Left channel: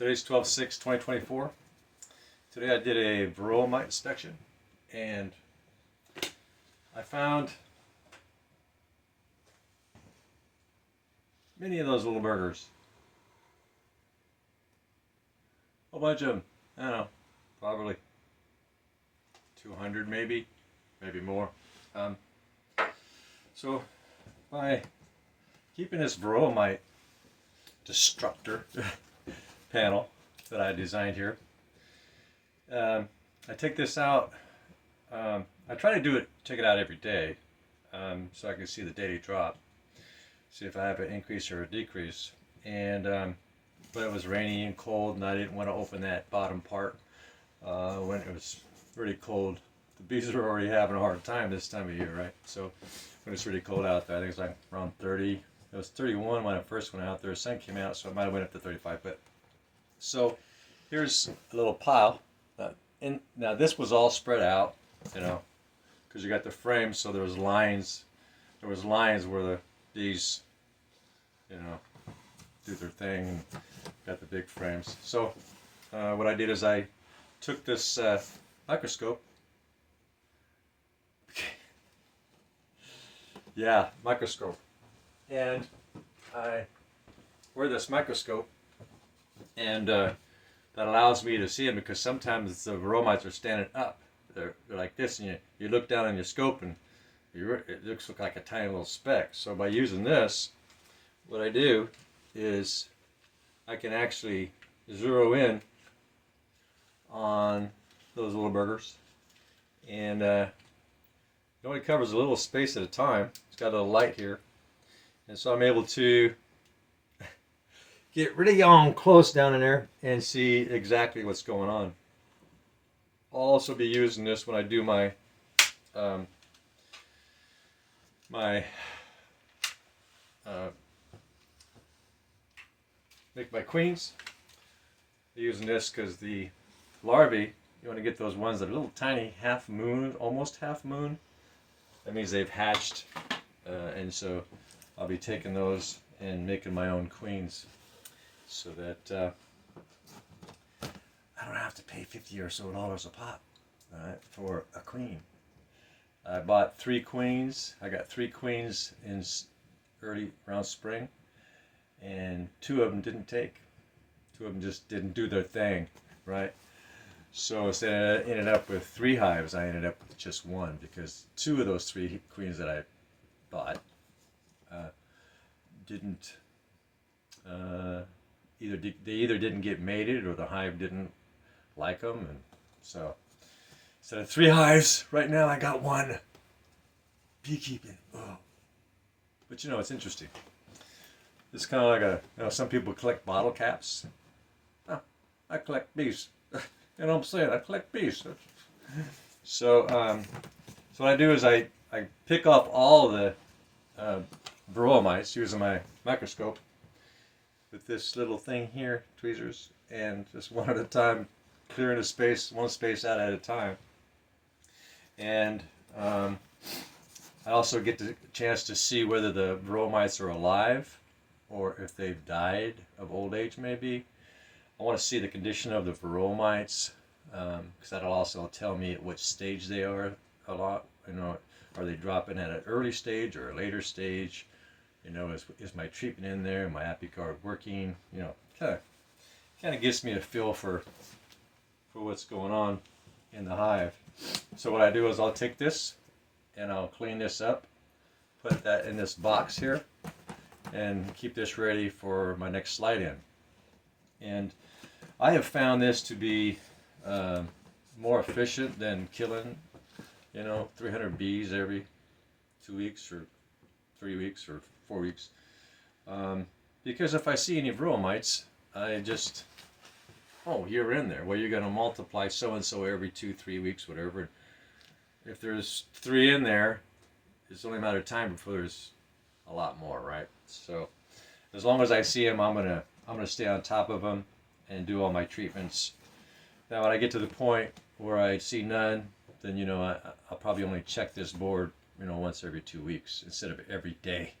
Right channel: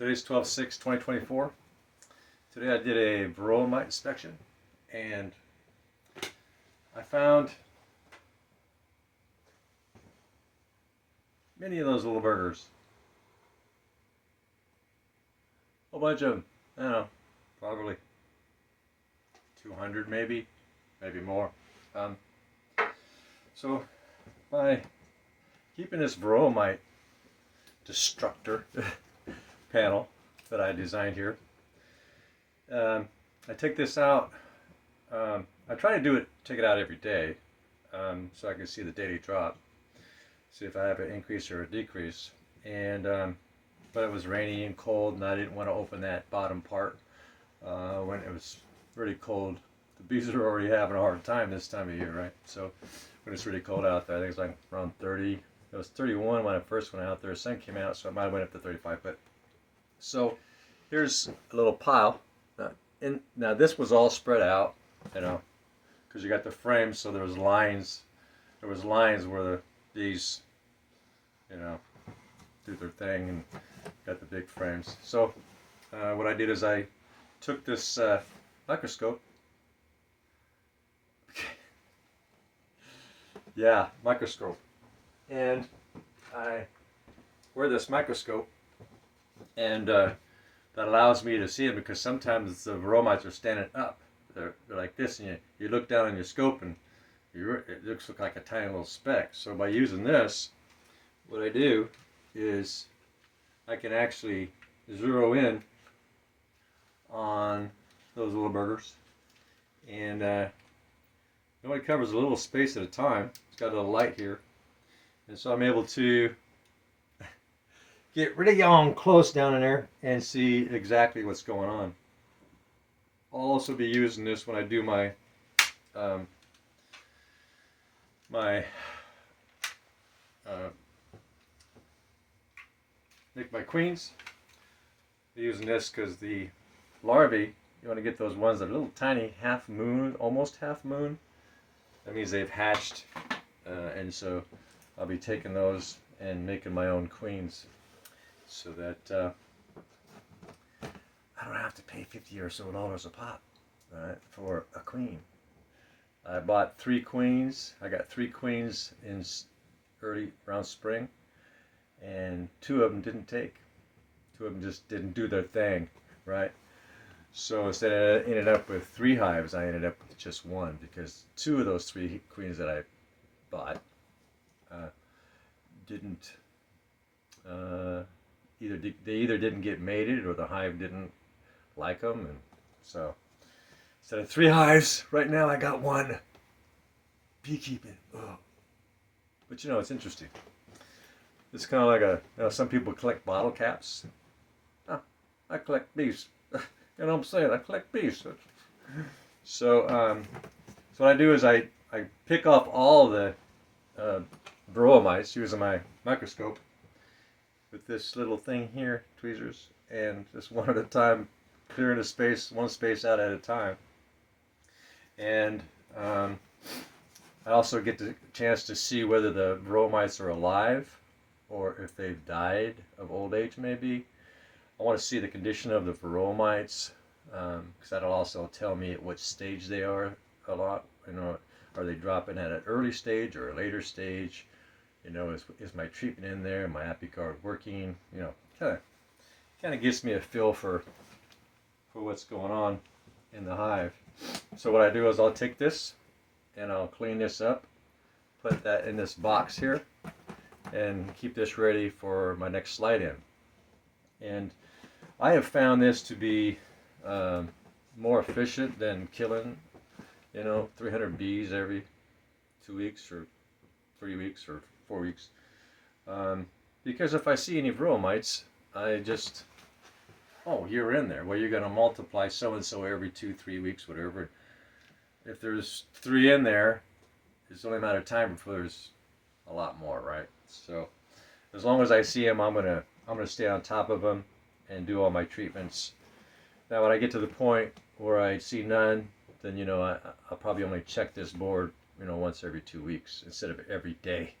Today's 12/6/2024. Today I did a Varroa mite inspection and I found many of those little burgers. A whole bunch of them. I don't know, probably 200 maybe more. So by keeping this Varroa mite destructor panel that I designed here, I take this out. I try to take it out every day, so I can see the daily drop, see if I have an increase or a decrease. And but it was rainy and cold, and I didn't want to open that bottom part when it was really cold. The bees are already having a hard time this time of year, right? So when it's really cold out there, I think it's like around 30. It was 31 when I first went out there. Sun came out, so I might have went up to 35. But so here's a little pile. Now this was all spread out, you know, because you got the frames, so there was lines. There was lines where the bees, you know, do their thing and got the big frames. So what I did is I took this microscope. Yeah, microscope. And I wear this microscope, and that allows me to see them, because sometimes the Varroa mites are standing up. They're like this, and you look down on your scope and it looks like a tiny little speck. So by using this, what I do is I can actually zero in on those little burgers, and it only covers a little space at a time. It's got a little light here, and so I'm able to get really on close down in there and see exactly what's going on. I'll also be using this when I do my make my queens. I'm using this because the larvae, you want to get those ones that are little tiny, half moon, almost half moon. That means they've hatched, and so I'll be taking those and making my own queens, so that I don't have to pay $50 or so a pop for a queen. I bought 3 queens. I got 3 queens in around spring, and 2 of them didn't take. 2 of them just didn't do their thing, right? So instead I ended up with 3 hives, I ended up with just 1, because 2 of those 3 queens that I bought didn't either didn't get mated, or the hive didn't like them, and so instead of 3 hives, right now I got 1. Beekeeping. Oh. But you know, it's interesting. It's kind of like some people collect bottle caps. Oh, I collect bees. You know what I'm saying? I collect bees. So, so what I do is I pick off all the Varroa mites using my microscope with this little thing here, tweezers, and just one at a time, clearing the space, one space out at a time. And I also get the chance to see whether the Varroa mites are alive or if they've died of old age, maybe. I want to see the condition of the Varroa mites, because that'll also tell me at which stage they are a lot. You know, are they dropping at an early stage or a later stage? You know, is my treatment in there? My ApiCard working? You know, kind of gives me a feel for what's going on in the hive. So what I do is I'll take this and I'll clean this up, put that in this box here, and keep this ready for my next slide in. And I have found this to be more efficient than killing, 300 bees every 2 weeks or 3 weeks or 4 weeks. Because if I see any Varroa mites, I just, oh, you're in there. Well, you're going to multiply so-and-so every 2-3 weeks, whatever. If there's 3 in there, it's only a matter of time before there's a lot more, right? So as long as I see them, I'm gonna stay on top of them and do all my treatments. Now, when I get to the point where I see none, then I'll probably only check this board once every 2 weeks instead of every day.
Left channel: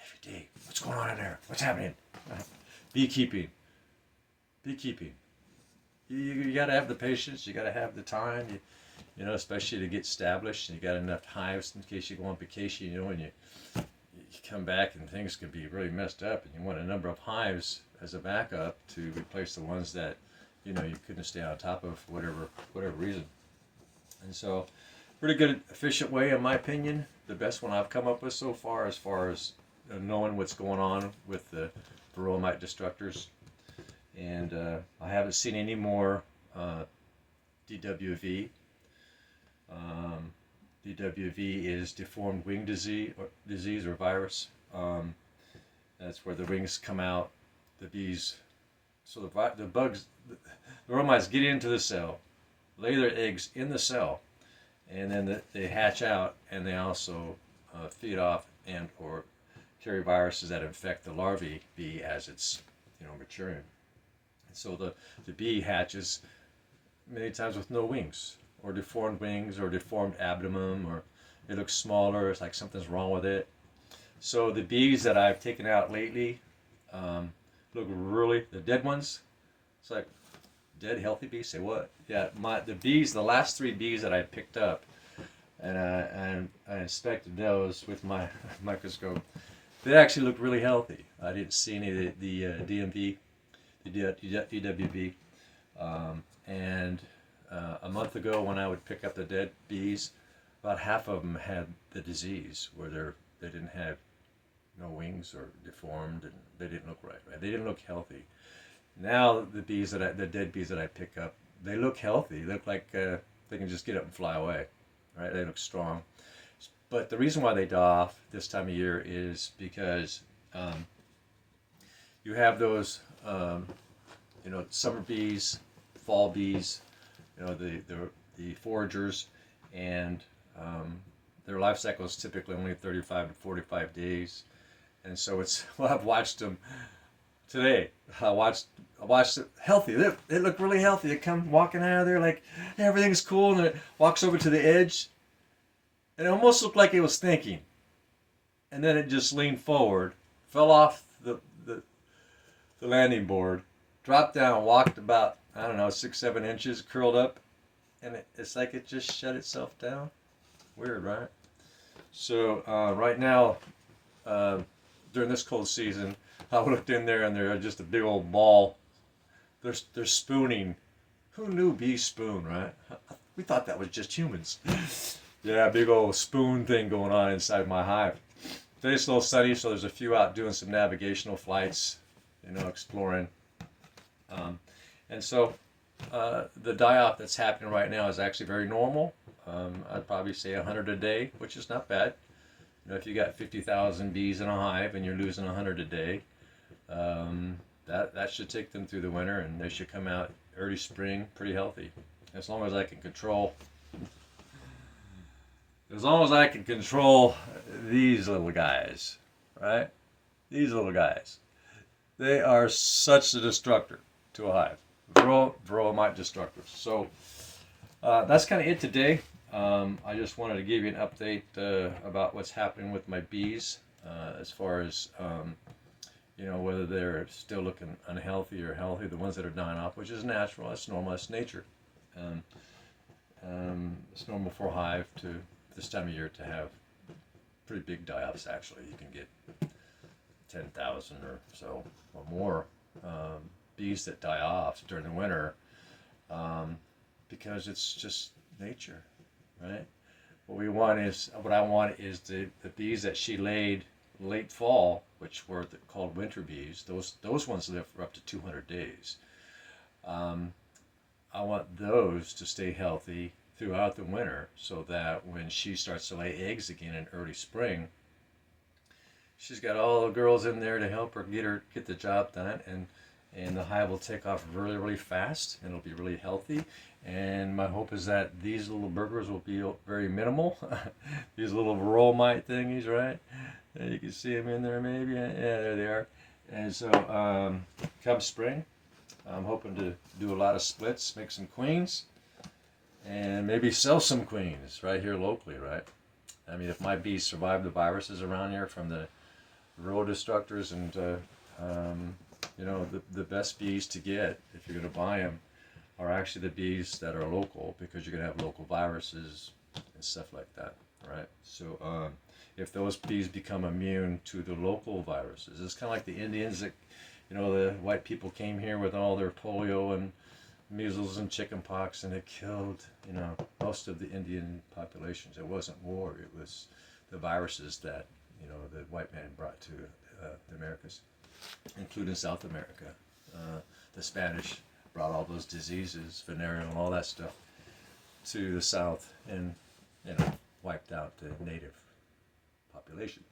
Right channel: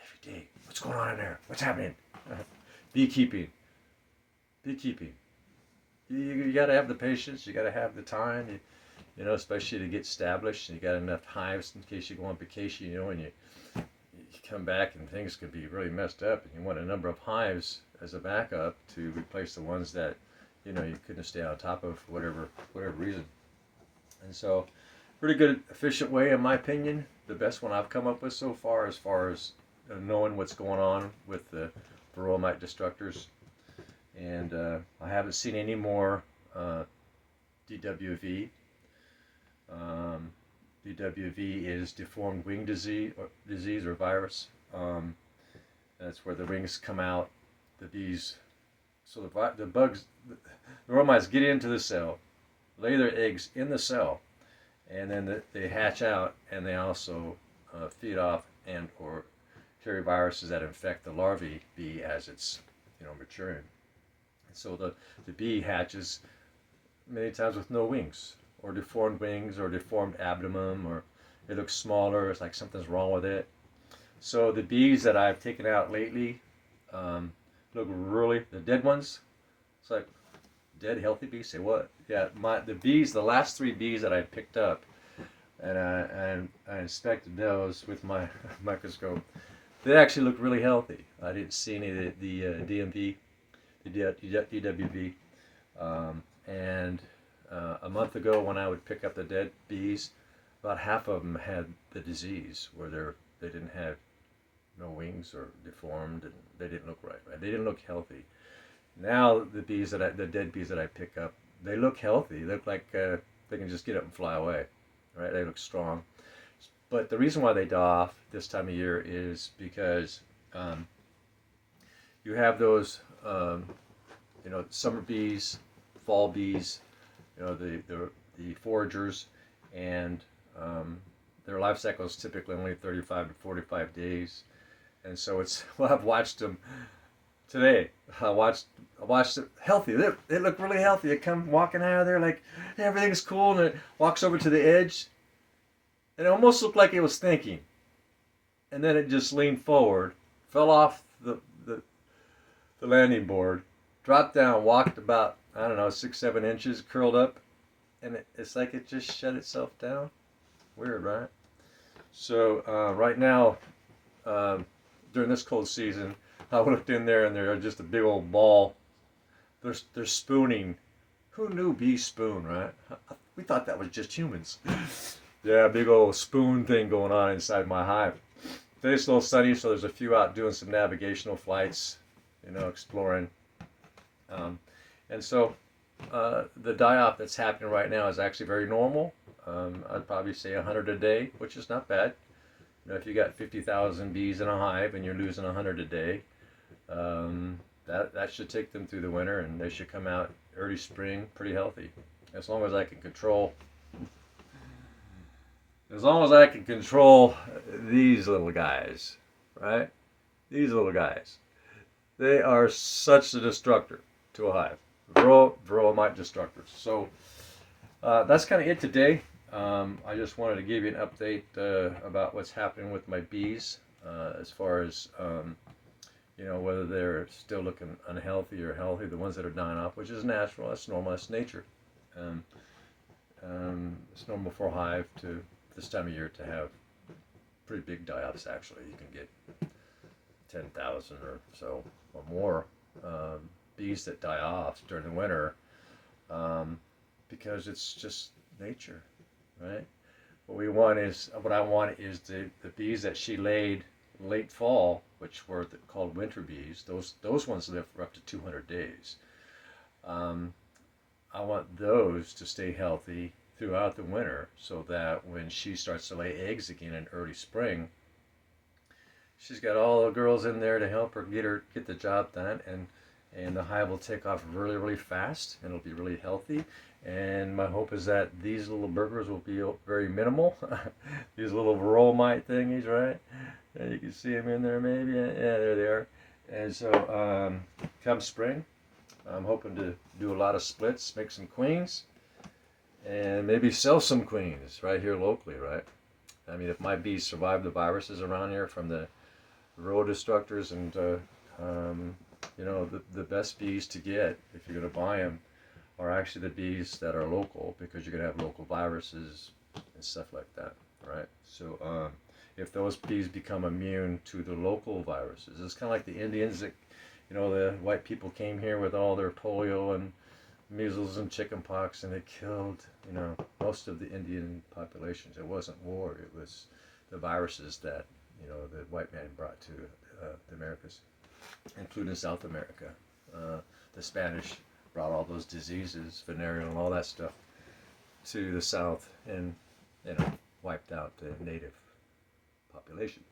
Every day, what's going on in there? What's happening? Beekeeping. beekeeping. You got to have the patience. You got to have the time. You know, especially to get established. You got enough hives in case you go on vacation. You know, and you come back and things can be really messed up, and you want a number of hives as a backup to replace the ones that you couldn't stay on top of for whatever reason. And so, pretty good, efficient way, in my opinion. The best one I've come up with so far as knowing what's going on with the Varroa mite destructors. And I haven't seen any more DWV. DWV is deformed wing disease or virus. That's where the wings come out. The bees, so the bugs, the Varroa mites get into the cell, lay their eggs in the cell, and then they hatch out, and they also feed off and or carry viruses that infect the larvae bee as it's maturing. And so the bee hatches many times with no wings, or deformed wings, or deformed abdomen, or it looks smaller. It's like something's wrong with it. So the bees that I've taken out lately look really, the dead ones. It's like dead healthy bees. Say what? Yeah, the last 3 bees that I picked up, and I inspected those with my microscope. They actually look really healthy. I didn't see any of the DMV, the DWV, and a month ago when I would pick up the dead bees, about half of them had the disease where they didn't have no wings or deformed, and they didn't look right. They didn't look healthy. Now the dead bees that I pick up, they look healthy. They look like they can just get up and fly away, right? They look strong. But the reason why they die off this time of year is because you have those, summer bees, fall bees, the foragers, and their life cycle is typically only 35 to 45 days. And so I've watched them today. I watched it healthy. They look really healthy. They come walking out of there like everything's cool, and it walks over to the edge, and it almost looked like it was thinking. And then it just leaned forward, fell off the landing board, dropped down, walked about, 6-7 inches, curled up, and it's like it just shut itself down. Weird, right? So right now, during this cold season, I looked in there and they're just a big old ball. They're spooning. Who knew bees spoon, right? We thought that was just humans. Yeah, big old spoon thing going on inside my hive. Today's a little sunny, so there's a few out doing some navigational flights, exploring. And so the die-off that's happening right now is actually very normal. I'd probably say 100 a day, which is not bad. If you got 50,000 bees in a hive and you're losing 100 a day, that should take them through the winter, and they should come out early spring pretty healthy. As long as I can control these little guys, right? These little guys. They are such a destructor to a hive. Varroa mite destructors. So that's kind of it today. I just wanted to give you an update about what's happening with my bees as far as whether they're still looking unhealthy or healthy. The ones that are dying off, which is natural, that's normal, that's nature. It's normal for a hive to this time of year to have pretty big die-offs. Actually, you can get 10,000 or so or more bees that die off during the winter because it's just nature, right? What I want is the bees that she laid late fall, which were called winter bees. Those ones live for up to 200 days. I want those to stay healthy throughout the winter, so that when she starts to lay eggs again in early spring, she's got all the girls in there to help her get the job done, and the hive will take off really, really fast, and it'll be really healthy. And my hope is that these little burglars will be very minimal. These little Varroa mite thingies, right? And you can see them in there maybe. Yeah, there they are. And so come spring, I'm hoping to do a lot of splits, make some queens, and maybe sell some queens right here locally, right? I mean, if my bees survive the viruses around here from the Varroa destructors and You know, the best bees to get, if you're going to buy them, are actually the bees that are local, because you're going to have local viruses and stuff like that, right? So if those bees become immune to the local viruses, it's kind of like the Indians that, you know, the white people came here with all their polio and measles and chickenpox, and it killed, you know, most of the Indian populations. It wasn't war, it was the viruses that, you know, the white man brought to the Americas, including South America. The Spanish brought all those diseases, venereal and all that stuff, to the South, and, you know, wiped out the native population.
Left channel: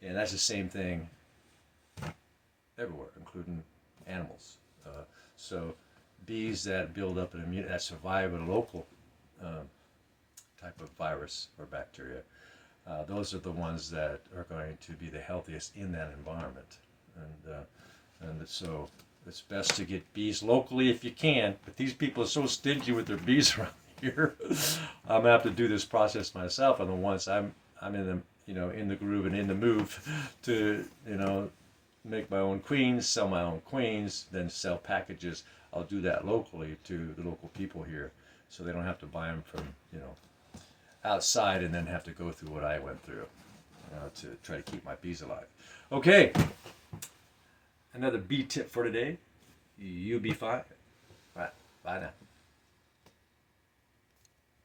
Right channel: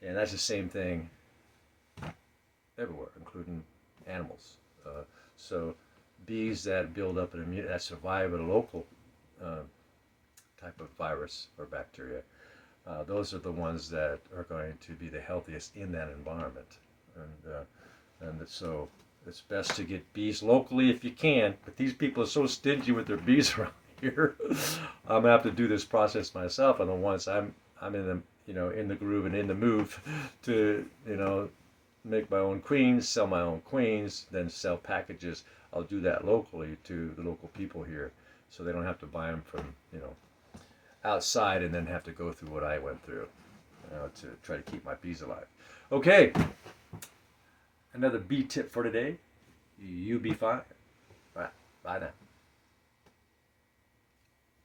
And that's the same thing everywhere, including animals. So bees that build up an immunity, that survive a local type of virus or bacteria, those are the ones that are going to be the healthiest in that environment. And so it's best to get bees locally if you can, but these people are so stingy with their bees around here. I'm gonna have to do this process myself, and once I'm in the, you know, in the groove and in the move to, you know, make my own queens, sell my own queens, then sell packages. I'll do that locally to the local people here, so they don't have to buy them from, you know, outside and then have to go through what I went through, you know, to try to keep my bees alive. Okay, another bee tip for today. You be fine. All right, bye now.